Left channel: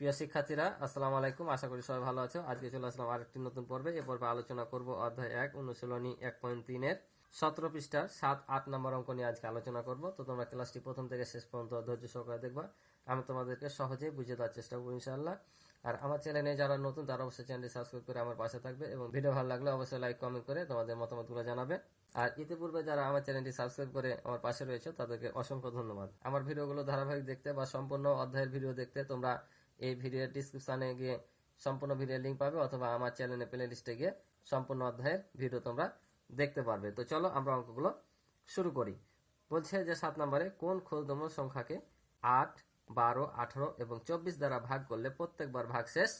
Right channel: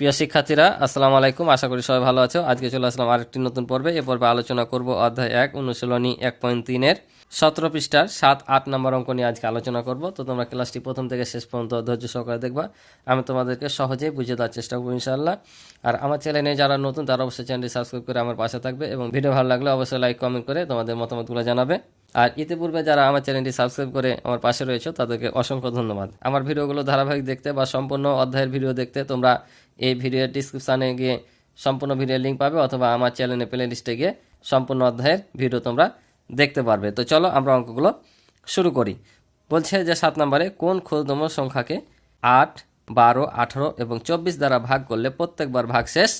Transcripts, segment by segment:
প্রিয় শিক্ষার্থীরা, আসসালামু আলাইকুম। আশা করি সবাই ভালো আছো। আজকে চলে আসলাম আরেকটি নতুন পর্বে। এ পর্বে আলোচনা করব অধ্যায় 1 অনুশীলনী 1.3-এর 17 পৃষ্ঠার 7-8 নম্বর অঙ্ক নিয়ে আজকে আলোচনা করব। তো তোমরা ক্লাসটি প্রথম থেকে শেষ পর্যন্ত ধৈর্য সহকারে দেখবা। আমি তোমাদেরকে সহজেই বুঝিয়ে দেওয়ার চেষ্টা করব ইনশাআল্লাহ। আর আমার চ্যানেলে যারা নতুন তারা অবশ্যই চ্যানেলটি সাবস্ক্রাইব করে আমার পাশে থাকবে এবং ভিডিও ভালো লাগলে অবশ্যই লাইক কমেন্ট করে তোমাদের মতামতগুলো জানাবে। আর ইতিপূর্বে যারা আমার চ্যানেলটি সাবস্ক্রাইব করে আমার পাশে রয়েছে তাদেরকে অসংখ্য ধন্যবাদ। আমার ভিডিওগুলো ধারাবাহিক দেখতে বা সম্পূর্ণ অধ্যায়ের ভিডিও দেখতে তোমরা এই ভিডিওর ডিসক্রিপশানে গিয়ে সম্পূর্ণ ভিডিওর লিঙ্ক পাবে, অথবা আমার চ্যানেলে প্লে লিস্টে গিয়ে সম্পূর্ণ অধ্যায়ের ভিডিও তোমরা দেখতে পারবে। তো চলো আমরা অঙ্কগুলো শুরু করি। বলছে যে 7 নম্বরে কোন ক্ষুদ্রতম সংখ্যাকে 8, 12, 18 এবং 24 দ্বারা ভাগ করলে প্রত্যেকবার ভাগশেষ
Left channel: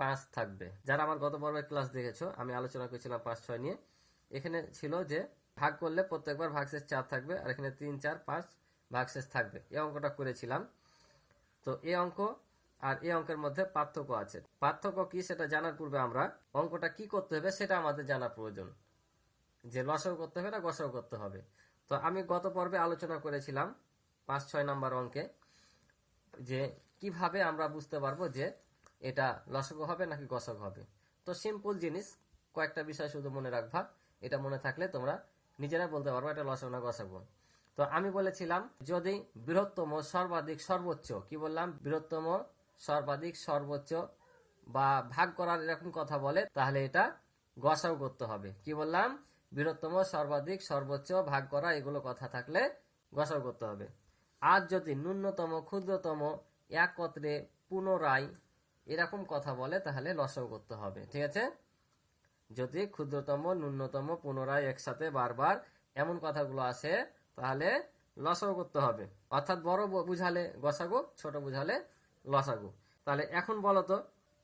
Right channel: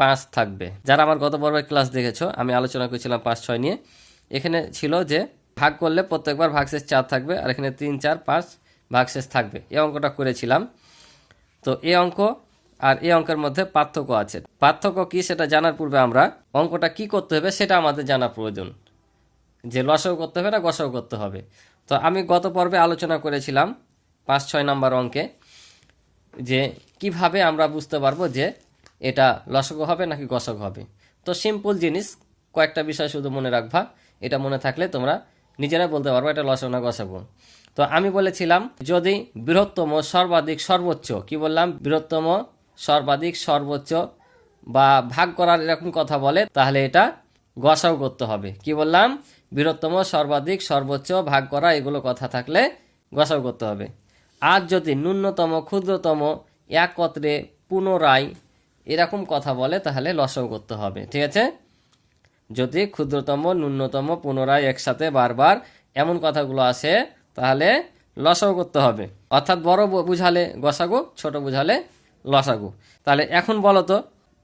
5 থাকবে। যারা আমার গত পর্বের ক্লাস দেখেছো, আমি আলোচনা করেছিলাম 5, 6 নিয়ে। এখানে ছিল যে ভাগ করলে প্রত্যেকবার ভাগশেষ 4 থাকবে, আর এখানে 3, 4, 5 ভাগশেষ থাকবে। এই অঙ্কটা করেছিলাম। তো এই অঙ্ক আর এই অঙ্কের মধ্যে পার্থক্য আছে। পার্থক্য কি সেটা জানার পূর্বে আমরা অঙ্কটা কি করতে হবে সেটা আমাদের জানা প্রয়োজন। যে লসাগু করতে হবে না গসাগু করতে হবে। তো আমি গত পর্বে আলোচনা করেছিলাম 5, 6 নম্বর অঙ্কে যে কিভাবে আমরা বুঝতে পারবো যে এটা লসাগু হবে নাকি গসাগু হবে। তো সিম্পল জিনিস, কয়েকটা বিষয় শুধু মনে রাখবা। এটা মনে থাকলে তোমরা নিজেরাই বলতে পারবো এটা লসাগু না গসাগু। তো আমি বলেছিলাম যদি বৃহত্তম সর্বাধিক সর্বোচ্চ, কি বললাম, বৃহত্তম সর্বাধিক সর্বোচ্চ বা ভাগ করার এরকম কথা বলে, তাহলে এটা গসাগু করতে হবে। কি বললাম, বৃহত্তম সর্বাধিক সর্বোচ্চ ভাগ করা এগুলো কথা থাকলে গসাগু করতে হবে। আর যদি ন্যূনতম ক্ষুদ্রতম একত্রে পুনরায় এরকম কথা বলে তাহলে লসাগু করতে হবে। ঠিক আছে, যদি ক্ষুদ্রতম ন্যূনতম পুনরায় একসাথে বারবার এমন কথাগুলো আসে তাহলে লসাগু করতে হবে। অর্থাৎ বড় বুঝালে গসাগু, ছোট বুঝালে লসাগু। তাহলে এখন বলো তো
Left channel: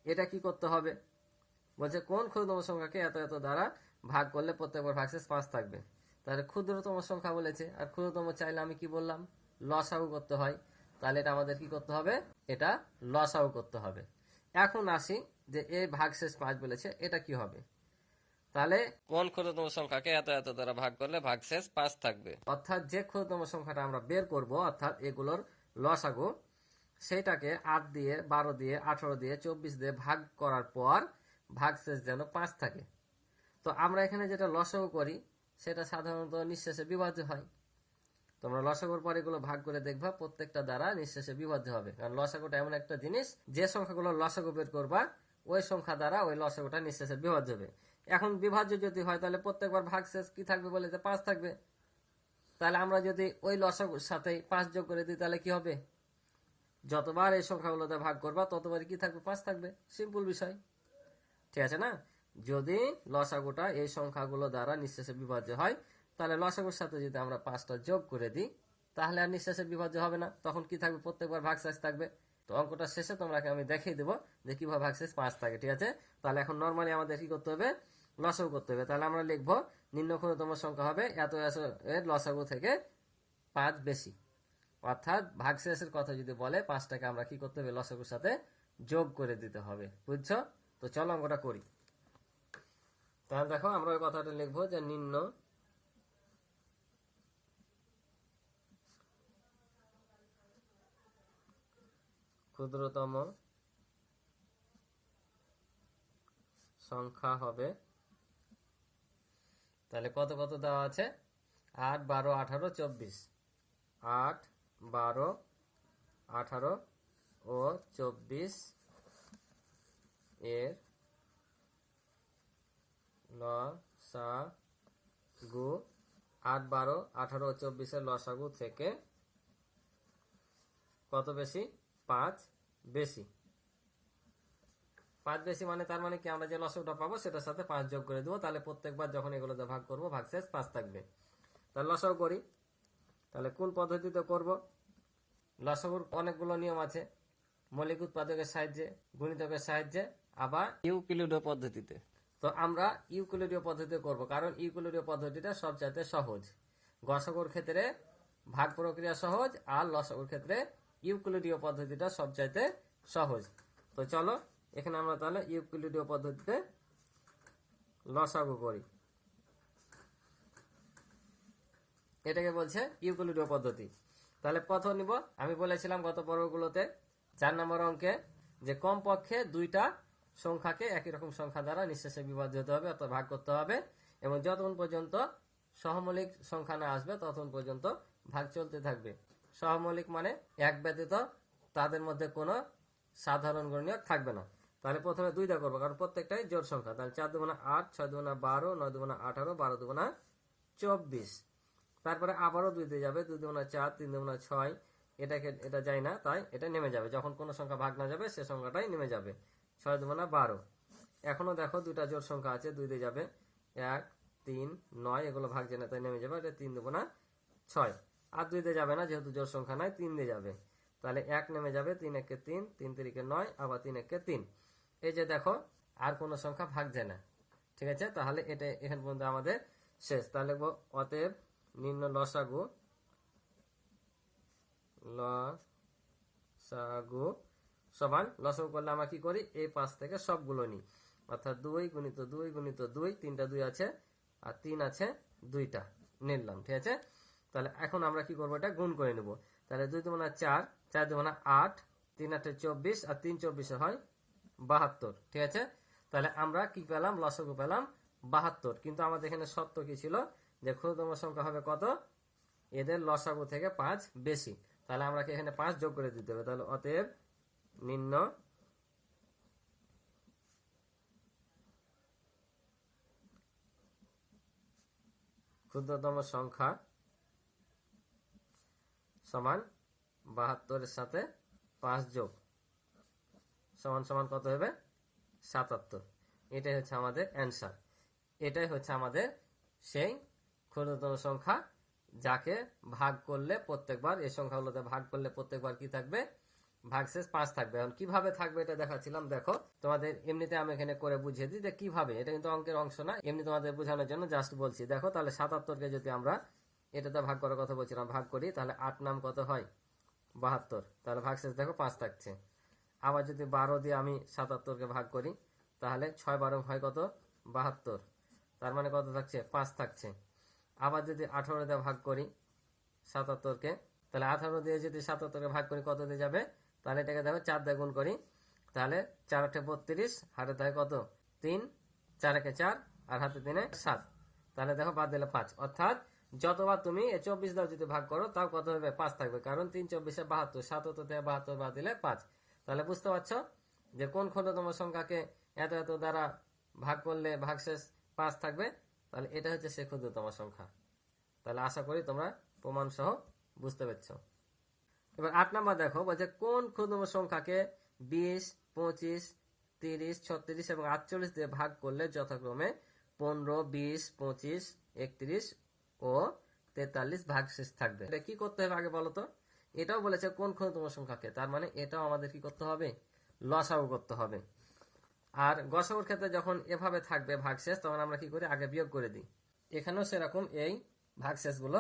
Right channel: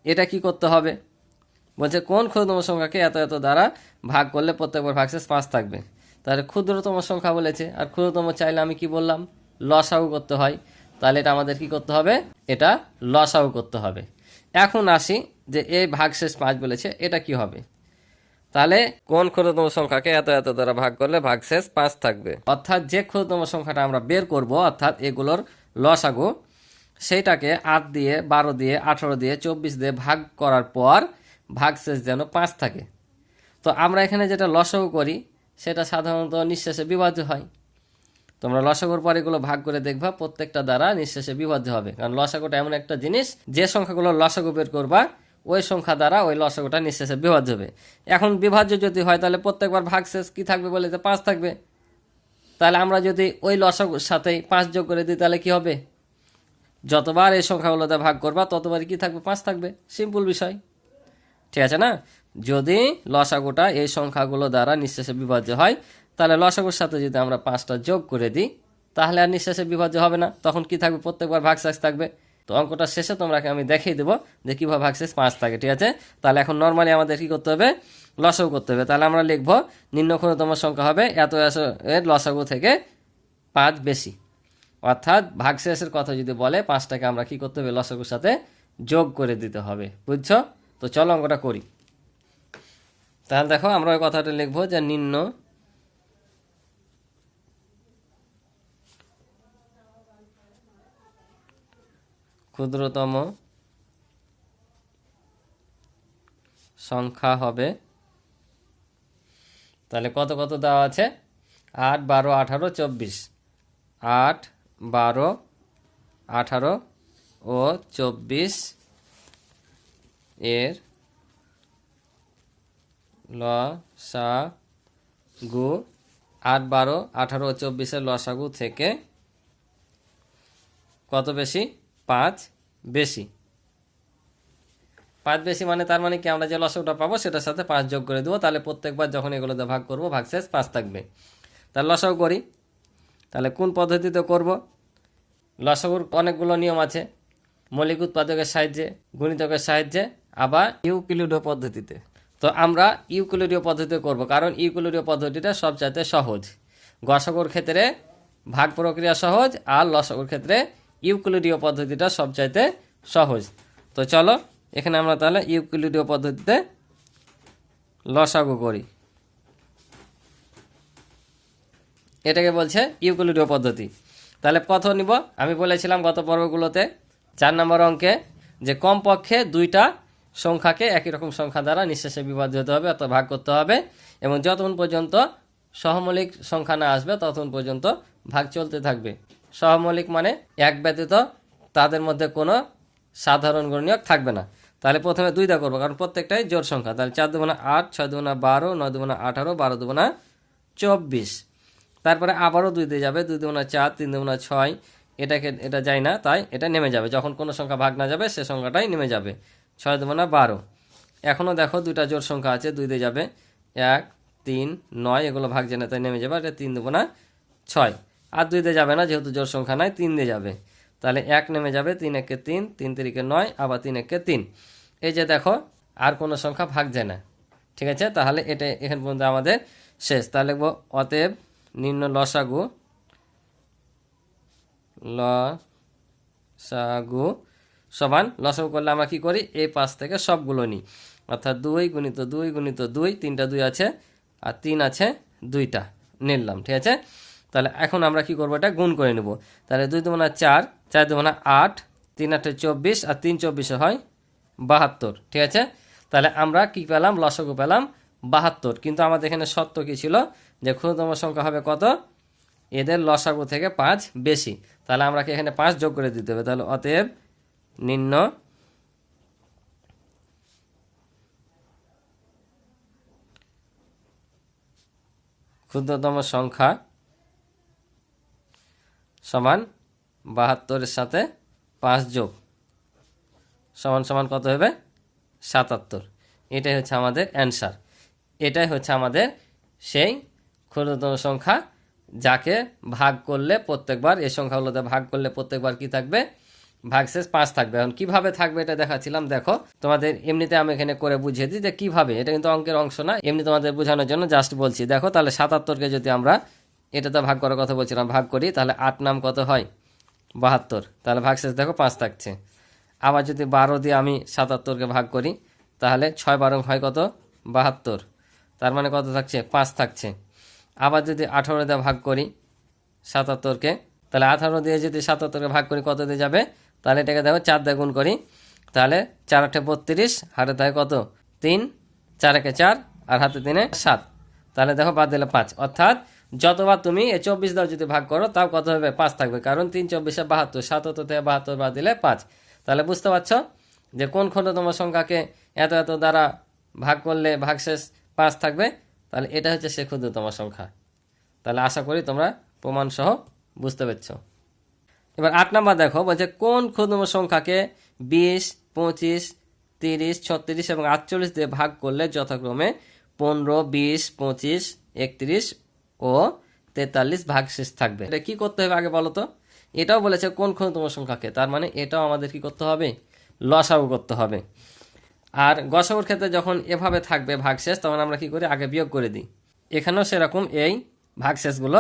এটা কি করতে হবে। বলছে কোন ক্ষুদ্রতম সংখ্যাকে এত এত দ্বারা ভাগ করলে প্রত্যেকবার ভাগশেষ 5 থাকবে। তাহলে ক্ষুদ্রতম সংখ্যা বলেছে, আর ক্ষুদ্রতম চাইলে আমি কি বললাম, লসাগু করতে হয়। তাহলে এটা আমাদের কি করতে হবে, এটা লসাগু করতে হবে। এখন আসি যে এই ভাগশেষ 5 বলেছে, এটা কি হবে। তাহলে কোন ক্ষুদ্রতম সংখ্যাকে এত এত দ্বারা ভাগ করলে ভাগশেষ 5 থাকবে। অর্থাৎ যে ক্ষুদ্রতম সংখ্যাটা আমরা বের করব, অর্থাৎ এগুলোর লসাগু, সেইটাকে 8 দিয়ে, 12 দিয়ে, 18 দিয়ে, 24 দিয়ে ভাগ করার পর ভাগশেষ যেন 5 থাকে। তো আমরা এখানে যেটা লসাগু করি সেটা সাধারণত নিঃশেষে বিভাজ্য হয়। তোমরা লসাগুর পর এগুলো ভাগ করে দেখবা প্রত্যেকটা দ্বারা নিঃশেষে বিভাজ্য হবে। কারণ লসাগুটা এমন একটা জিনিস, যে সংখ্যাগুলো লসাগু বের করবা ওই সংখ্যা দ্বারা ওই লসাগুটা নিঃশেষে বিভাজ্য হবে। এখন বিভাজ্য যদি হয় তাহলে প্রত্যেকবার ভাগশেষ কি থাকবে বলে, 5 থাকবে। তাহলে আমরা যদি ওই লসাগুর সাথেই 5 যোগ করে দিই তাহলে কি হবে, যতবার এই সংখ্যাগুলোতে ভাগ করবা ততবারই কি থাকবে, 5 থাকবে। সিম্পল বিষয়, ঠিক আছে না। যদি লসাগুটা এই সংখ্যাগুলো দ্বারা নিঃশেষে বিভাজ্য হয় তাহলে লসাগুর সাথে যদি আমরা 5টা যোগ করে দিই তাহলে আর নিঃশেষে বিভাজ্য হবে না, তখন কি থাকবে, প্রত্যেকবার ভাগশেষ থাকবে। তো অঙ্কটা শেষে তোমরাকে আমি দেখিয়ে দেবো যে কীভাবে ভাগশেষ 5 থাকে। ঠিক আছে, তাহলে এখন নর্মালি আমাদের কী করতে হবে, লসাগু করতে হবে। তাহলে আমরা লিখব নিম্ন ক্ষুদ্রতম সংখ্যা হবে এত এর লসাগু থেকে 5 বেশি। অর্থাৎ ভাগশেষের কথা যদি বলে 5টাকে আমরা কি করতে হবে, লসাগুর সাথে যোগ করে দিতে হবে। বুঝছো? তো চলো অঙ্কটা করি। তাহলে দেখো আমরা ওই কথাটা লিখবো যে নিম্ন ক্ষুদ্রতম সংখ্যা হবে, তাহলে কত কত দেওয়া আছে, 8, 12, 18, 24। 8, 12, 18 ও 24 এর লসাগু। 8, 12, 18 ও 24 এর লসাগু থেকে কত বেশি, 5 বেশি। 5 বেশি মানে তার মানে কি, আমরা যে লসাগুটা পাবো সেটার সাথে 5 যোগ করে দেবো। তাহলে প্রত্যেকবার যখন এগুলোতে ভাগ করবো ভাগশেষ 5 থাকবে। তাহলে লসাগু করি। তাহলে কোন পদ্ধতিতে করব, লসাগুর অনেকগুলো নিয়ম আছে, মৌলিক উৎপাদকের সাহায্যে, গুণিতকের সাহায্যে, আবার ইউক্লিডীয় পদ্ধতিতে। তো আমরা ইউক্লিডীয় পদ্ধতিতে করব, কারণ ইউক্লিডীয় পদ্ধতিটা সবচাইতে সহজ। গসাগুর ক্ষেত্রে ভাগ প্রক্রিয়া সহজ, আর লসাগুর ক্ষেত্রে ইউক্লিডীয় পদ্ধতিটা সবচাইতে সহজ। তো চলো এখানে আমরা তাহলে ইউক্লিডীয় পদ্ধতিতে লসাগু করি। এটাকে বলছে ইউক্লিডীয় পদ্ধতি। তাহলে কত নিব, আমি বলেছিলাম গত পর্বগুলোতে 4 নম্বর অঙ্কে যে কমপক্ষে দুইটা সংখ্যাকে একই রকম সংখ্যা দ্বারা নিঃশেষে বিভাজ্য হতে হবে অর্থাৎ ভাগ করতে হবে, এবং যতক্ষণ পর্যন্ত সহমৌলিক সংখ্যা না আসবে ততক্ষণ পর্যন্ত ভাগ চলতে থাকবে। সহমৌলিক মানে এক ব্যতীত তাদের মধ্যে কোনো সাধারণ গুণনীয়ক থাকবে না। তাহলে প্রথমে 2 দিয়ে করবো, কারণ প্রত্যেকটাই জোড় সংখ্যা। তাহলে 4 দুগুণা 8, 6 দুগুণা 12, 9 দুগুণা 18, 12 দুগুণা 24। তারপরে আবারও 2 দিয়ে যাবে, 2 দুগুণা 4, 3 দুগুণা 6, এটা যায় না, তাই এটা নেমে যাবে। যখন কোনো সংখ্যা ভাগ না যাবে সে সংখ্যাটাই নেমে যাবে। 6 দুগুণা 12। এখনও দেখো 2টা জোড় সংখ্যা আছে, 2 দিয়ে যাবে, 1, 3, 9, এগুলো ভাগ যায় না তাই নেমে যাবে। এটা 3 দুগুণা 6, আর 2 দিয়ে যাবে না যেহেতু জোড় সংখ্যা নাই, 3 দিয়ে যাবে। তাহলে 1 নেমে যাবে, 3 একে 3, 3 তিরিকে 9, আবার 3 একে 3। এই যে দেখো আর কোনো সংখ্যা ভাগ যায় না। ঠিক আছে, তাহলে এটা এখান পর্যন্ত আমাদের শেষ। তাহলে লিখব অতএব নিম্ন লসাগু সমান, লসাগু করলে আমরা কি করি, এই পাশ থেকে সবগুলো নিই, অর্থাৎ 2 গুণিত 2 গুণিত 2, 3টা 2 আছে আর 3 আছে 2টা নিলাম। ঠিক আছে, তাহলে এখন আমরা কি করবো, এটা গুণ করে নেব। তাহলে 2 দুগুণা 4, 4 দুগুণা 8, 3 8 24, আর 3 24 হয় 72। ঠিক আছে, তাহলে আমরা কি পেলাম, লসাগু পেলাম 72। কিন্তু আমাদের এখানে শর্ত কি ছিল, যে ক্ষুদ্রতম সংখ্যা হবে কত, এদের লসাগু থেকে 5 বেশি। তাহলে আমরা কি এখানে 5 যোগ করে দিতে হবে। তাহলে অতএব নিম্ন ক্ষুদ্রতম সংখ্যা সমান 72-এর সাথে 5 যোগ সমান সমান কত হবে, 77। এটাই হচ্ছে আমাদের অ্যান্সার। এটাই হচ্ছে আমাদের সেই ক্ষুদ্রতম সংখ্যা যাকে ভাগ করলে প্রত্যেকবার, এই সংখ্যাগুলোতে ভাগ করলে প্রত্যেকবার কি থাকবে, ভাগশেষ 5 থাকবে। এখন কিভাবে থাকবে এটা দেখাচ্ছিলাম। দেখো তোমাদের এমনিতে আমি এখানে করে বুঝিয়ে দিই যে কিভাবে, এটা কিন্তু অঙ্কের অংশ না, এমনি তোমাদের বোঝানোর জন্য জাস্ট বলছি। দেখো তাহলে 77কে যদি আমরা এটাতে ভাগ করার কথা বলছিলাম, ভাগ করি, তাহলে 8 নাম কত হয়, 72। তাহলে ভাগশেষ দেখো 5 থাকছে। আবার যদি 12 দিয়ে আমি 77কে ভাগ করি, তাহলে 6 12 হয় কত, 72। তার মানে কত থাকছে, 5 থাকছে। আবার যদি 18 দিয়ে ভাগ করি 77কে, তাহলে 18 দিয়ে যদি 77কে ভাগ করি কত দিয়ে যাবে, তাহলে এটাকে দেখো 4 দিয়ে গুণ করি, তাহলে 4 8 32, হাতে থাকে কত 3, 4 1 4, আর হাতে 3 7। তাহলে দেখো বাদ দিলে 5, অর্থাৎ যতবার তুমি এই 24 দাও যদি ভাগ করো তাও কত হবে, 5 থাকবে, কারণ 3 24 72, 77 থেকে 72 বাদ দিলে 5। তাহলে বুঝতে পারছো যে কোন ক্ষুদ্রতম সংখ্যাকে এত এত দ্বারা ভাগ করলে ভাগশেষ 5 থাকবে। তাহলে এটা হচ্ছে সে ক্ষুদ্রতম সংখ্যা। তাহলে আশা করি তোমরা প্রমাণ সহ বুঝতে পেরেছো। এবার 8 নাম্বার দেখো, বলছে কোন ক্ষুদ্রতম সংখ্যাকে 20, 25, 30, 36 এবং 48 দিয়ে ভাগ করলে যথাক্রমে 15, 20, 25, 31 ও 43 ভাগশেষ থাকবে। এটা কি করতে হবে আগে বলো তো। এটাও বলেছে কোন ক্ষুদ্রতম সংখ্যাকে, তার মানে এটাও আমাদের কি করতে হবে, লসাগু করতে হবে। আর গসাগুর ক্ষেত্রে যখন এভাবে থাকবে ভাগশেষ, তখন আমরা কি করি, আগে বিয়োগ করে দিই। এখানেও সেরকম এই ভাগশেষগুলো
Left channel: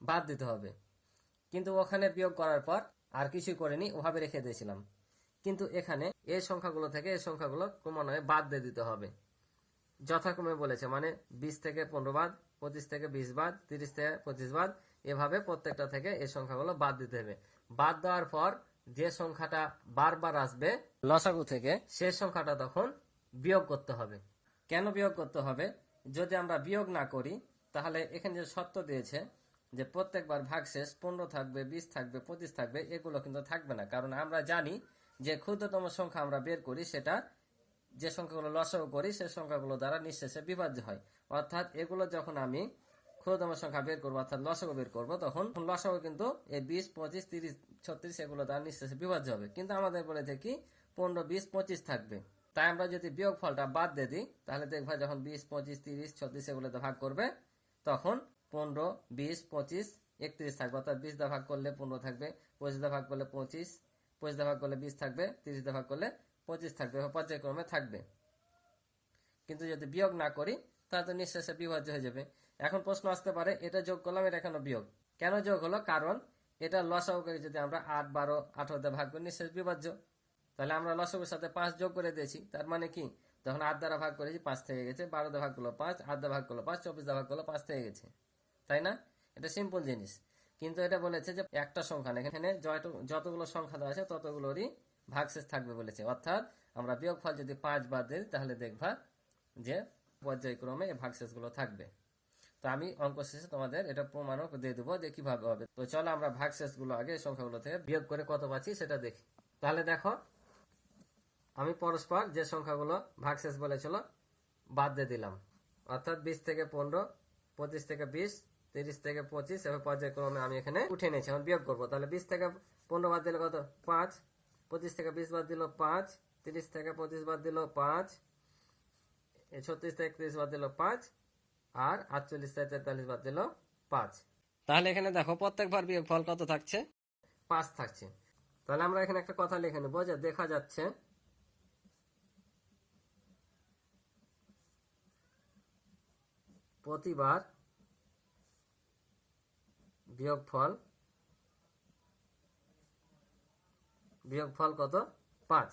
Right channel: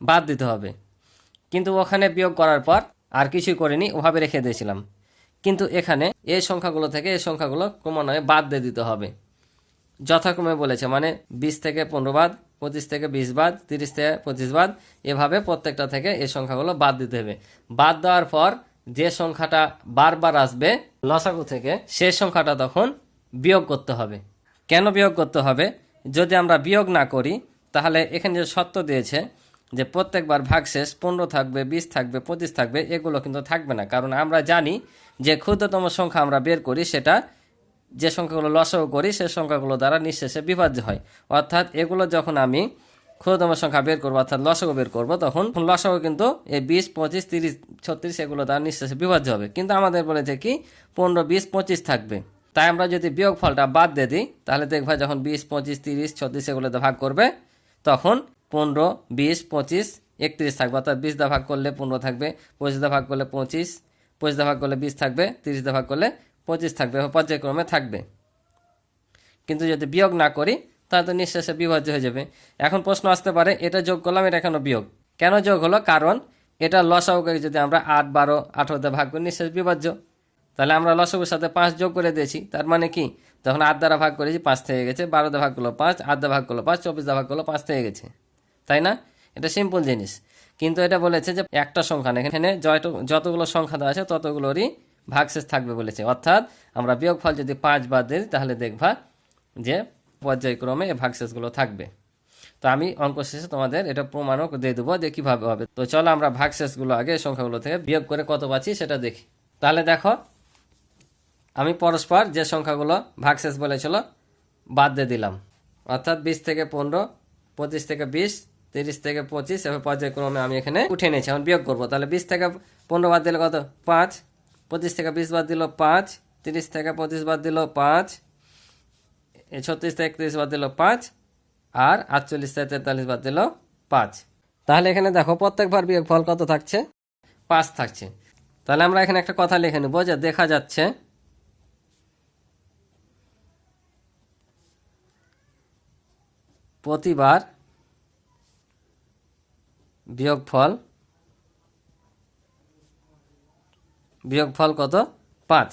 বাদ দিতে হবে। কিন্তু ওখানে বিয়োগ করার পর আর কিছুই করিনি, ওভাবে রেখে দিয়েছিলাম। কিন্তু এখানে এই সংখ্যাগুলো থেকে এই সংখ্যাগুলো ক্রমান্বয়ে বাদ দিয়ে দিতে হবে যথাক্রমে বলেছে, মানে 20 থেকে 15 বাদ, 25 থেকে 20 বাদ, 30 থেকে 25 বাদ, এভাবে প্রত্যেকটা থেকে এই সংখ্যাগুলো বাদ দিতে হবে। বাদ দেওয়ার পর যে সংখ্যাটা বারবার আসবে লসাগু থেকে, সেই সংখ্যাটা তখন বিয়োগ করতে হবে। কেন বিয়োগ করতে হবে, যদি আমরা বিয়োগ না করি তাহলে এখানে যে শর্ত দিয়েছে যে প্রত্যেকবার ভাগশেষ 15 থাকবে, 20 থাকবে, 25 থাকবে, এগুলো কিন্তু থাকবে না। কারণ আমরা জানি যে ক্ষুদ্রতম সংখ্যা আমরা বের করি সেটা যে সংখ্যাগুলো লসাগু করি সে সংখ্যাগুলো দ্বারা নিঃশেষে বিভাজ্য হয়। অর্থাৎ এগুলো যখন আমি ক্ষুদ্রতম সংখ্যা বের করবো অর্থাৎ লসাগু বের করবো, তখন লসাগু কিন্তু এই 20, 25, 30, 36 এগুলো দ্বারা নিঃশেষে বিভাজ্য হবে। কিন্তু আমাদের বলেছে কি 15, 20, 25 থাকবে। তাই আমরা যদি বিয়োগ ফলটা বাদ দিয়ে দিই তাহলে দেখবা যখন 20, 25, 30, 36 এগুলোতে ভাগ করবে তখন 15, 20, 25, 31 থাকবে। অর্থাৎ 20 দা ভাগ করলে 15 থাকবে, 25 দা ভাগ করলে 25, 25 দা ভাগ করলে 20 থাকবে, 30 দা ভাগ করলে 25 থাকবে, পর্যায়ক্রমে থাকবে। কিন্তু যদি বিয়োগ না করি তাহলে তো নিঃশেষে বিভাজ্য হয়ে যাবে। এখন প্রশ্ন আসতে পারে এটা যোগ করলাম, এটা কেন বিয়োগ, কেন যোগ হলো, কারণ এটা লসাগুকে যদি আমরা 8, 12, 18 দিয়ে ভাগ করি নিঃশেষ বিভাজ্য, তাহলে আমরা লসাগুর সাথে 5 যোগ করে দিয়েছি। তার মানে কি, যখন 8 দ্বারা ভাগ করেছি 5 থেকে গেছে, 12 দ্বারা ভাগ করলো 5, 8 দ্বারা ভাগ করলো 5, 24 দ্বারা ভাগ করলো 5 থেকে গেছে, তাই না? এটা সিম্পল জিনিস। কিন্তু এটা বলেছে যে একটা সংখ্যা না, এখানে যতগুলো সংখ্যা দেওয়া আছে ততগুলোরই ভাগশেষ থাকবে বলেছে, অর্থাৎ আমরা বিয়োগফল যদি 5 বাদ দিই তাহলে দেখবা যে পর্যায়ক্রমে এই ভাগশেষগুলো থাকবে। তো আমি অঙ্ক শেষে তোমাদের এটা প্রমাণও দিয়ে দেবো যে কীভাবে হবে। তো চলো আমরা ভাগশেষগুলো আগে সংখ্যাগুলো থেকে বিয়োগ করে কত পাচ্ছি সেটা দেখি। তাহলে দেখো আমি পরস্পর যে সংখ্যাগুলো ভাগশেষ বলেছিল বাদ দিয়ে দিলাম, অর্থাৎ 20 থেকে 15, 25 থেকে 20, 30 থেকে 25, এভাবে পর্যায়ক্রমে আমি এখানে উঠে নিয়েছি। এখন বিয়োগ করবো, তাহলে 20 থেকে 15 বাদ দিলে কত 5, 25 থেকে 20 বাদ দিল 5, 30 থেকে 25 বাদ দিল 5, 36 থেকে 31 বাদ দিল 5, আর 48 থেকে 43 বাদ দিল 5। তাহলে এখানে দেখো প্রত্যেকবার বিয়োগফল কত থাকছে, 5 থাকছে। তাহলে আমরা এখানে একটা কথা লিখে নেব যে দেখা যাচ্ছে প্রতিবার বিয়োগফল কত 5,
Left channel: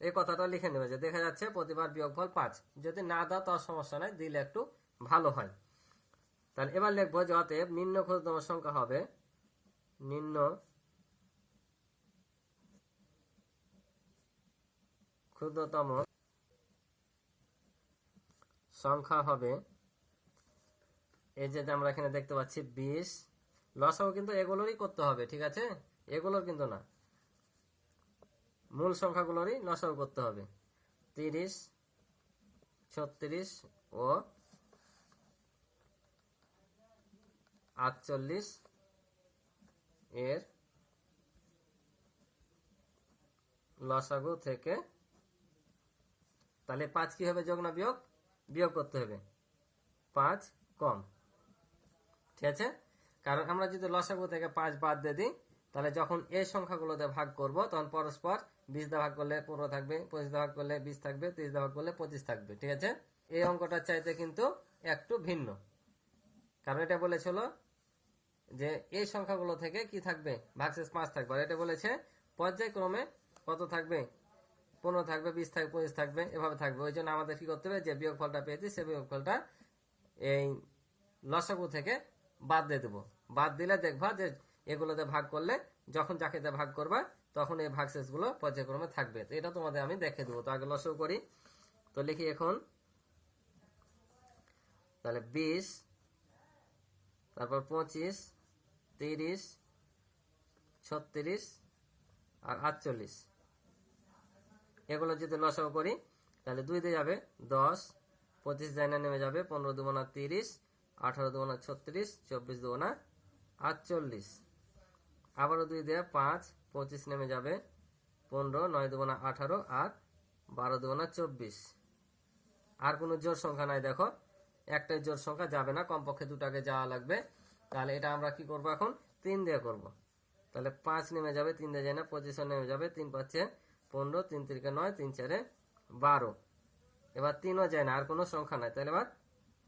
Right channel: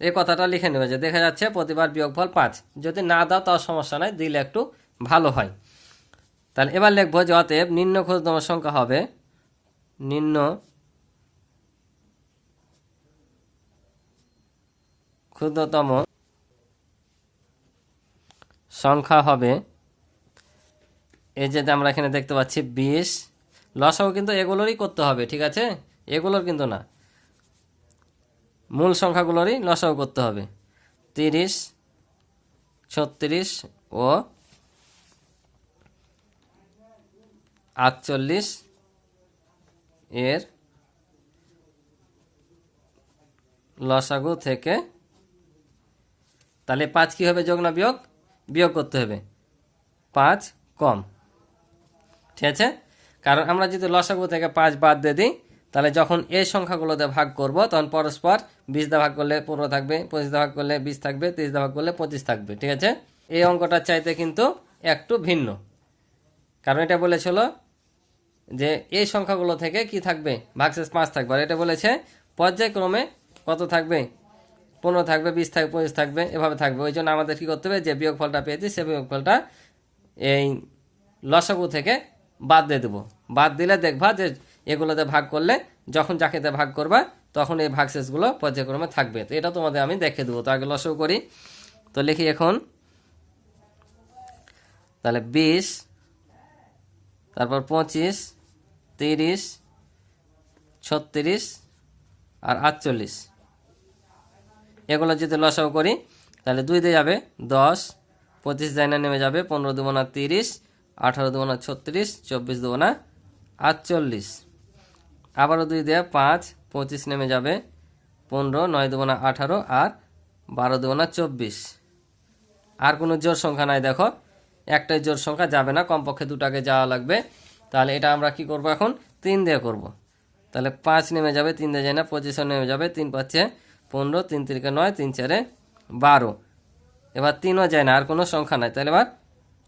এই কথাটা লিখে নেবে যে দেখা যাচ্ছে প্রতিবার বিয়োগফল 5। যদি না দাও তাও সমস্যা নাই, দিলে একটু ভালো হয়। তাহলে এবার লিখবো যে অতএব নিম্ন ক্ষুদ্রতম সংখ্যা হবে, নিম্ন ক্ষুদ্রতম সংখ্যা হবে, এই যে আমরা এখানে দেখতে পাচ্ছি 20, লসাগু কিন্তু এগুলোরই করতে হবে, ঠিক আছে, এগুলোর কিন্তু না, মূল সংখ্যাগুলোরই লসাগু করতে হবে। 30, 36 ও 48 এর লসাগু থেকে, তাহলে 5 কি হবে, যোগ না বিয়োগ, বিয়োগ করতে হবে, 5 কম, ঠিক আছে। কারণ আমরা যদি লসাগু থেকে 5 বাদ দিয়ে দিই তাহলে যখন এই সংখ্যাগুলোতে ভাগ করব তখন পরস্পর 20 দিয়ে ভাগ করলে 15 থাকবে, 25 দিয়ে ভাগ করলে 20 থাকবে, 30 দিয়ে ভাগ করলে 25 থাকবে, ঠিক আছে। এই অঙ্কটার চাইতে কিন্তু একটু ভিন্ন, কারণ এটা বলেছিল যে এই সংখ্যাগুলো থেকে কি থাকবে, ভাগশেষ 5 থাকবে, আর এটা বলেছে পর্যায়ক্রমে কত থাকবে, 15 থাকবে, 20 থাকবে, 25 থাকবে, এভাবে থাকবে। ওই জন্য আমাদের কি করতে হবে, যে বিয়োগফলটা পেয়েছি সে বিয়োগফলটা এই লসাগু থেকে বাদ দিয়ে দেবো। বাদ দিলে দেখবা যে এগুলোতে ভাগ করলে যখন যাকেতে ভাগ করবা তখন এই ভাগশেষগুলো পর্যায়ক্রমে থাকবে। তো এটা তোমাদের আমি দেখে দেবো। তো আগে লসাগু করি, তো লিখি এখন, তাহলে 20, তারপর 25, 30, 36 আর 48, এগুলো যদি লসাগু করি তাহলে 2 দিয়ে যাবে 10, 25 জায়না নেমে যাবে, 15 দুগুণা 30, 18 দুগুণা 36, 24 দুগুণা 48, আবারও 2 দিয়ে 5, 25 নেমে যাবে, 15, 9 দুগুণা 18 আর 12 দুগুণা 24। আর কোনো জোর সংখ্যা নাই, দেখো একটাই জোর সংখ্যা যাবে না, কমপক্ষে দুটাকে যাওয়া লাগবে। তাহলে এটা আমরা কি করব, এখন 3 দিয়ে করব। তাহলে 5 নেমে যাবে, 3 দিয়ে যায় না, 25 নেমে যাবে, 3 5 15, 3 3 9, 3 4 12, এবার 3ও যায় না, আর কোনো সংখ্যা নাই। তাহলে এবার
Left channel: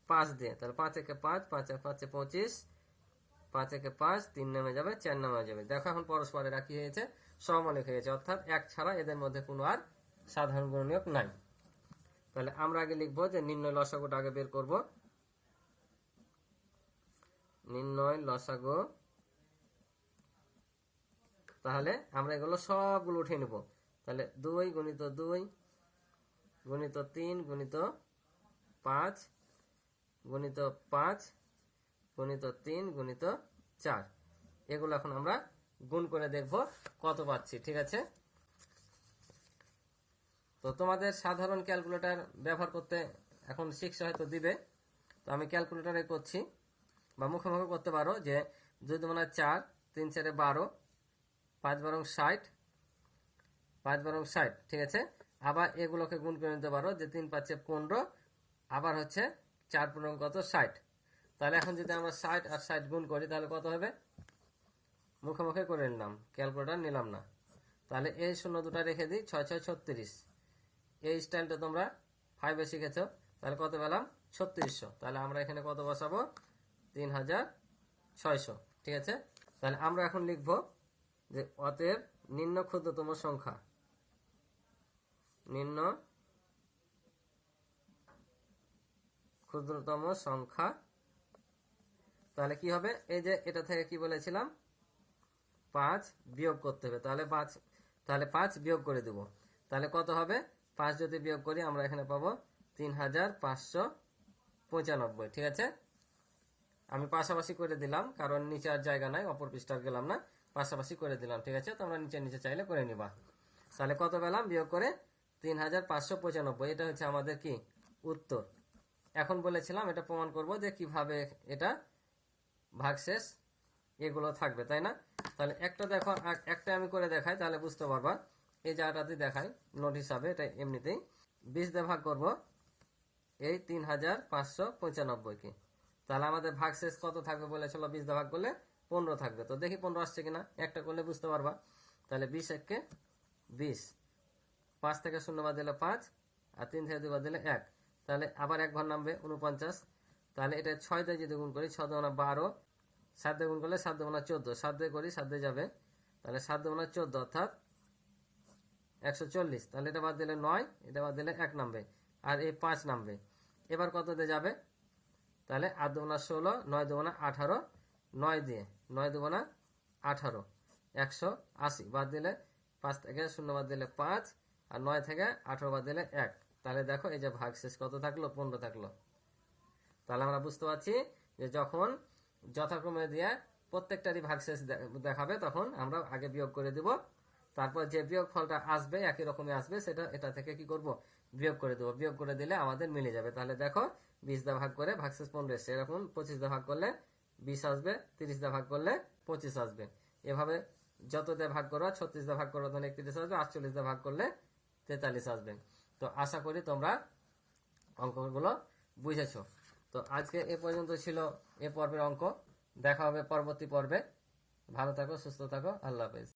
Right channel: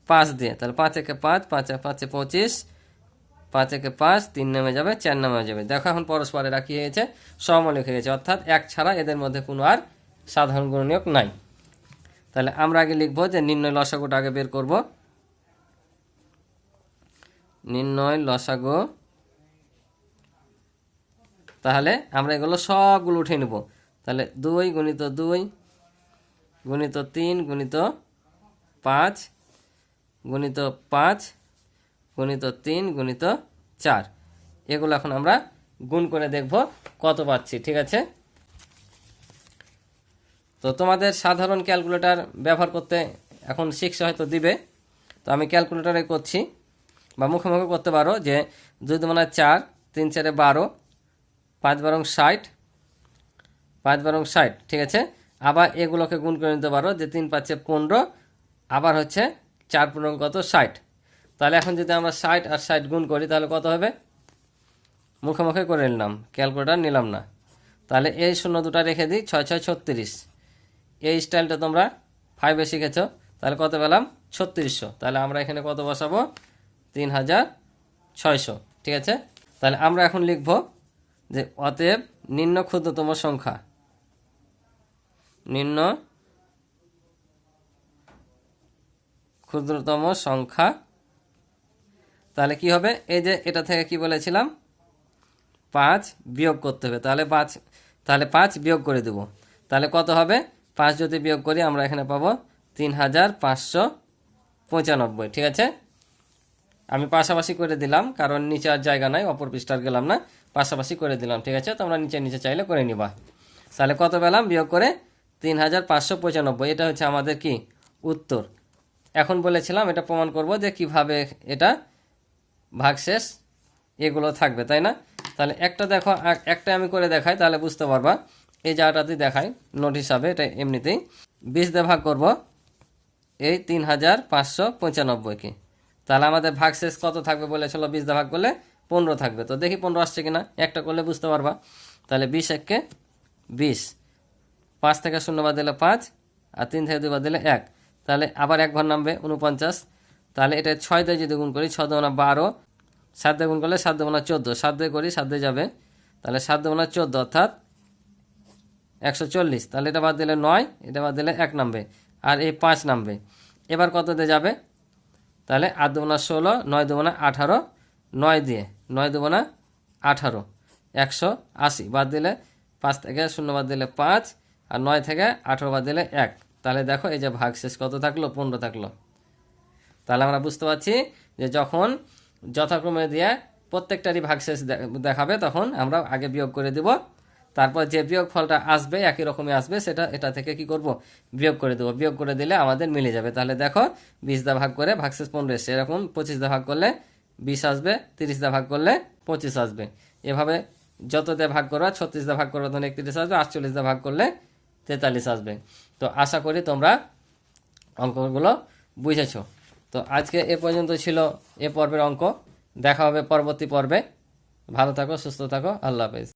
5 দিয়ে, তাহলে 5 একে 5, 5 5 25, 5 একে 5, 3 নেমে যাবে, 4 নেমে যাবে। দেখো এখন পরস্পরে রাখি হয়েছে, সমমূলক হয়ে গেছে, অর্থাৎ এক ছাড়া এদের মধ্যে কোনো আর সাধারণ গুণনীয়ক নাই। তাহলে আমরা আগে লিখবো যে নির্ণয় লসাগুটা আগে বের করব। নির্ণয় লসাগু, তাহলে আমরা এগুলো সবগুলো উঠে নেব। তাহলে 2 গুণিত 2 গুণিত 3 গুণিত 5 গুণিত 5 গুণিত 3 গুণিত 4, এগুলো এখন আমরা গুণ করে দেখব কত পাচ্ছি, ঠিক আছে। তো তোমাদের সাধারণ ক্যালকুলেটর ব্যবহার করতে এখন শিখছে হয়তো দিবে, তো আমি ক্যালকুলেটরে করছি, বা মুখে মুখে করতে পারো যে 2 দুগুণা 4, 3 4 12, 5 বারং 60, 5 বারং 60, ঠিক আছে। আবার এগুলোকে গুণ করে নিতে পারো যে 3 5 15, আবার হচ্ছে 4 15 কত 60। তাহলে এখন যদি আমরা 60 আর 60 গুণ করি তাহলে কত হবে, মুখে মুখে করে নিলাম, ক্যালকুলেটর নিলাম না। তাহলে এই শূন্য দুটা রেখে দিই, 6 6 36, এই স্টাইলটা তোমরা 5-এ শিখেছ, তাহলে কত পেলাম 3600। তাহলে আমরা এখানে কত বসাবো, 3600, ঠিক আছে। তাহলে আমরা এখন লিখব যে অতএব নিম্ন ক্ষুদ্রতম সংখ্যা, নিম্ন ক্ষুদ্রতম সংখ্যা, তাহলে কি হবে, এই যে এটা থেকে কি বলেছিলাম 5 বিয়োগ করতে হবে। তাহলে 5 তাহলে 5 বিয়োগ করে দেব। তাহলে কত হবে? 5 যদি বিয়োগ করি আমরা এখানে পাবো 3595। ঠিক আছে, আমি পাশাপাশি করে দিলাম কারণ নিচে আর জায়গা নাই, অপর পৃষ্ঠার গেলাম না, পাশাপাশি করে দিলাম। ঠিক আছে, তোমরা নিচে নিচে চাইলে করে নিবা। তাহলে কত পেলাম বিয়োগ করে? 3595। এটা হচ্ছে আমাদের কি উত্তর। এখন বলেছিলাম এটা প্রমাণ করব যে কিভাবে এটা ভাগশেষ এগুলো থাকবে, তাই না? তাহলে একটা দেখো, একটা আমি করে দেখাই তাহলে বুঝতে পারবা। এই জায়গাটাতে দেখাই নোট হিসাবে, এটা এমনিতেই 20 দিয়ে ভাগ করব এই 3595কে। তাহলে আমাদের ভাগশেষ কত থাকবে বলেছিল? 20 দিয়ে ভাগ করলে 15 থাকবে। তো দেখি 15 আসছে কিনা, একটা করলে বুঝতে পারবা। তাহলে 20 একে 20, 5 থেকে 0 বাদ দিলে 5, আর 3 থেকে 2 বাদ দিলে 1। তাহলে আবার 1 ঘর নামবে 49। তাহলে এটা 6 দিয়ে যদি গুণ করি, 6 দুগুণা 12, 7 দিয়ে গুণ করলে 7 দুগুণা 14, 7 দিয়ে করি 7 দিয়ে যাবে, তাহলে 7 দুগুণা 14 অর্থাৎ 140। তাহলে এটা বাদ দিলে 9, এটা বাদ দিলে 1 নামবে, আর এই 5 নামবে। এবার কত দিয়ে যাবে? তাহলে 8 দুগুণা 16, 9 দুগুণা 18, 9 দিয়ে 9 দুগুণা 18, 180। বাদ দিলে 5 থেকে 0 বাদ দিলে 5, আর 9 থেকে 18 বাদ দিলে 1। তাহলে দেখো এই যে ভাগশেষ কত থাকলো? 15 থাকলো। তাহলে আমরা বুঝতে পারছি যে যখন যথাক্রমে দিয়ে প্রত্যেকটারই ভাগশেষ দেখাবে তখন আমরা আগে বিয়োগ করে দিব, তারপর যে বিয়োগ ফলটা আসবে একই রকমই আসবে, সেটা এটা থেকে কি করব? বিয়োগ করে দেবো। বিয়োগ করে দিলে আমাদের মিলে যাবে। তাহলে দেখো 20 দা ভাগ করে ভাগশেষ 15 এসছে, এরকম 25 দা ভাগ করলে 20 আসবে, 30 দা ভাগ করলে 25 আসবে। এভাবে যত দিয়ে ভাগ করবা, 36 দা ভাগ করবা তখন 31 আসবে, 48 দা ভাগ করলে 43 আসবে। তো আশা করি তোমরা অঙ্কগুলো বুঝেছো। তো আজকে এ পর্যন্ত ছিল এ পর্বের অঙ্ক। দেখা হবে পরবর্তী পর্বে। ভালো থাকো, সুস্থ থাকো, আল্লাহ হাফেজ।